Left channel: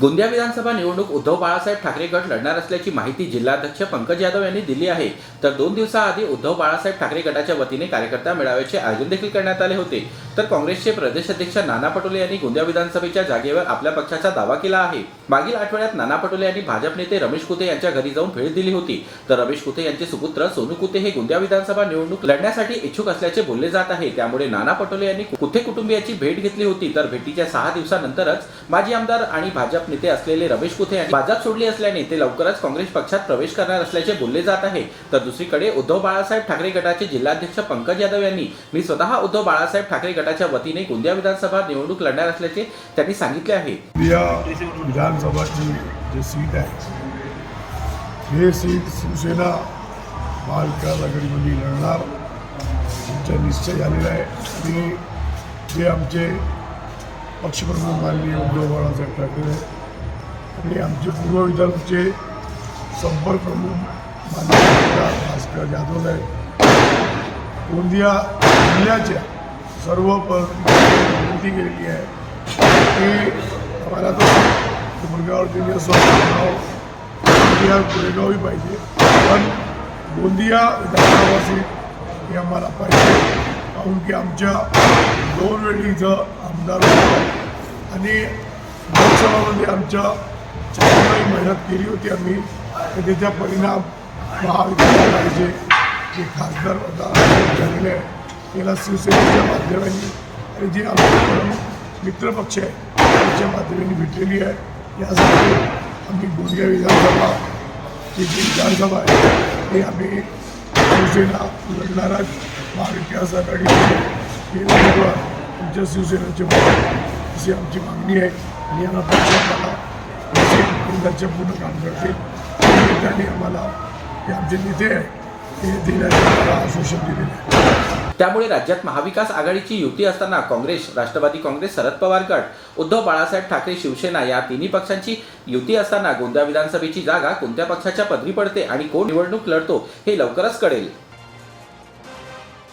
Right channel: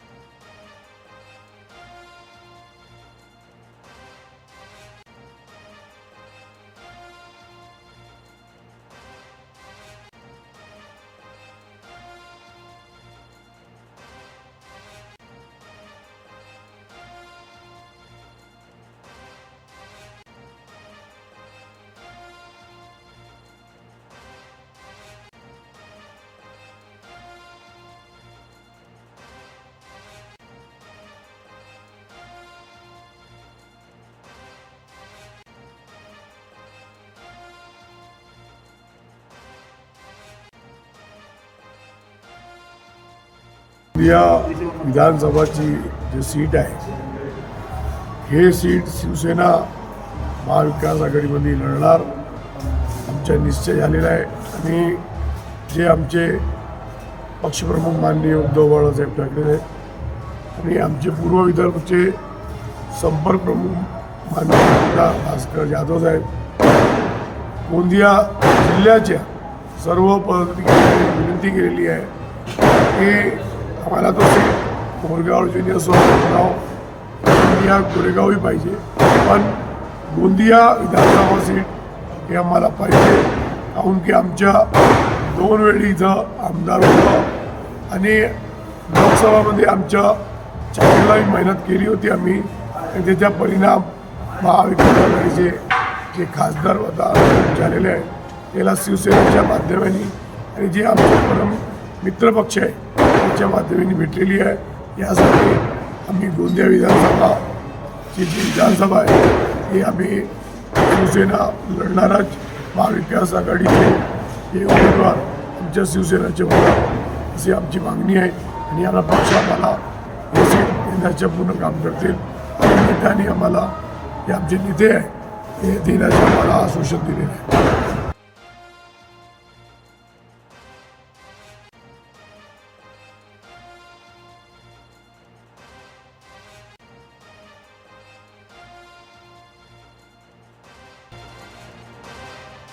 गोंदिया विधानसभा निवडणूक उद्धव बाळासाहेब ठाकरे गट लढणार असल्याची माहिती जिल्हाध्यक्ष पंकज यादव यांनी दिली आहे. तर दोन दिवसाआधी उद्धव बाळासाहेब ठाकरे गटाच्या वतीने कार्यकर्ता मेळाव्याचे आयोजन देखील करण्यात आले होते. तर काँग्रेसचे प्रदेश अध्यक्ष नाना पटोले यांनी गोंदिया विधानसभेच्या जागेवर आपल्या पक्षाचा दावा केला आहे. मागील आठवड्यात नाना पटोले यांनी भाजप नेते रमेश कुते यांच्या घरी जाऊन भेट दिली होती. तर रमेश कुते यांचे सुपुत्र सोनू कुते हे गोंदिया विधानसभा निवडणूक लढण्यासाठी इच्छुक असल्याचे बोलले जात आहे. त्यामुळे नाना पटोले यांनी कुते कुटुंबियाची भेट घेतली होती. तर भेटीच्या सहा दिवसानंतरच माजी आमदार आणि भाजप नेते असलेले रमेश कुथे यांनी भाजप सोडली असल्याने ते लवकरच काँग्रेस पक्षात प्रवेश करणार असल्याचे बोलले जात आहे. तर दुसरीकडे उद्धव बाळासाहेब ठाकरे गटाचे जिल्हाध्यक्ष पंकज यादव यांनी मी स्वतः उद्धव बाळासाहेब ठाकरे गटाच्या वतीने गोंदिया विधानसभा निवडणूक लढणार असल्याचे त्यांनी सांगितले आहे. विधानसभाची जी सीट आहे हे सीट शिवसेना महाविकास आघाडीमध्ये लढणार. आमचा निश्चय झालेला आहे. आणि जे आमचे पक्षप्रमुख माननीय उद्धव बाळासाहेब ठाकरे आणि आमचे पूर्व विदर्भचे संपर्क प्रमुख माननीय भास्कर जाधव साहेब गोंदिया जिल्ह्याच्या सर्व विनंती केलेली आहे. की आम्हाला तसं कोरगाव ज्युनियर गोंदिया कोरेगावही पाहिजे पण गोंदिया विधानसभा सीट हे आम्हाला पाहिजे. काहून की आमच्या दोन वेळी इथं आमदार होता. आणि लोकसभामध्ये आमच्या चांगली मेहनत केली होती आम्ही. आणि त्याचा परिणाम महाविद्यालयाचे जे खासदार होता झालेले आहे त्याला शिवसेनेच्या माध्यमांनी आणि जे आमचे परम मित्रपक्ष आहे त्याच्या माध्यमांनी भेटलेली आहे. यासाठी आम्ही गोंदिया विधानसभा जी जी विधानसभा आहे ते आम्ही शिवसेना लढणारा महाविकास आघाडीचे हे उमेदवार आमच्या शिवसेनेचे होतात अशी आमची मागणी आहे आणि याला पक्षात आला असे केंद्राचे पूर्ण काम करतील. निमित्ताने आम्हाला हे आमचे नेते आहे हे दिल्याचं आम्हाला आश्वासन दिलेलं आहे. त्यामुळे राज्यात महाविकास आघाडीची युती असताना काँग्रेस राष्ट्रवादी काँग्रेस शरद पवार गट उद्धव बाळासाहेब ठाकरे शिवसेना या तिन्ही पक्षांची युती असताना गोंदिया विधानसभेची जागा कोणत्या पक्षाच्या पदरी पडते आणि कोण निवडणूक लढतो हे लवकरच कळेल.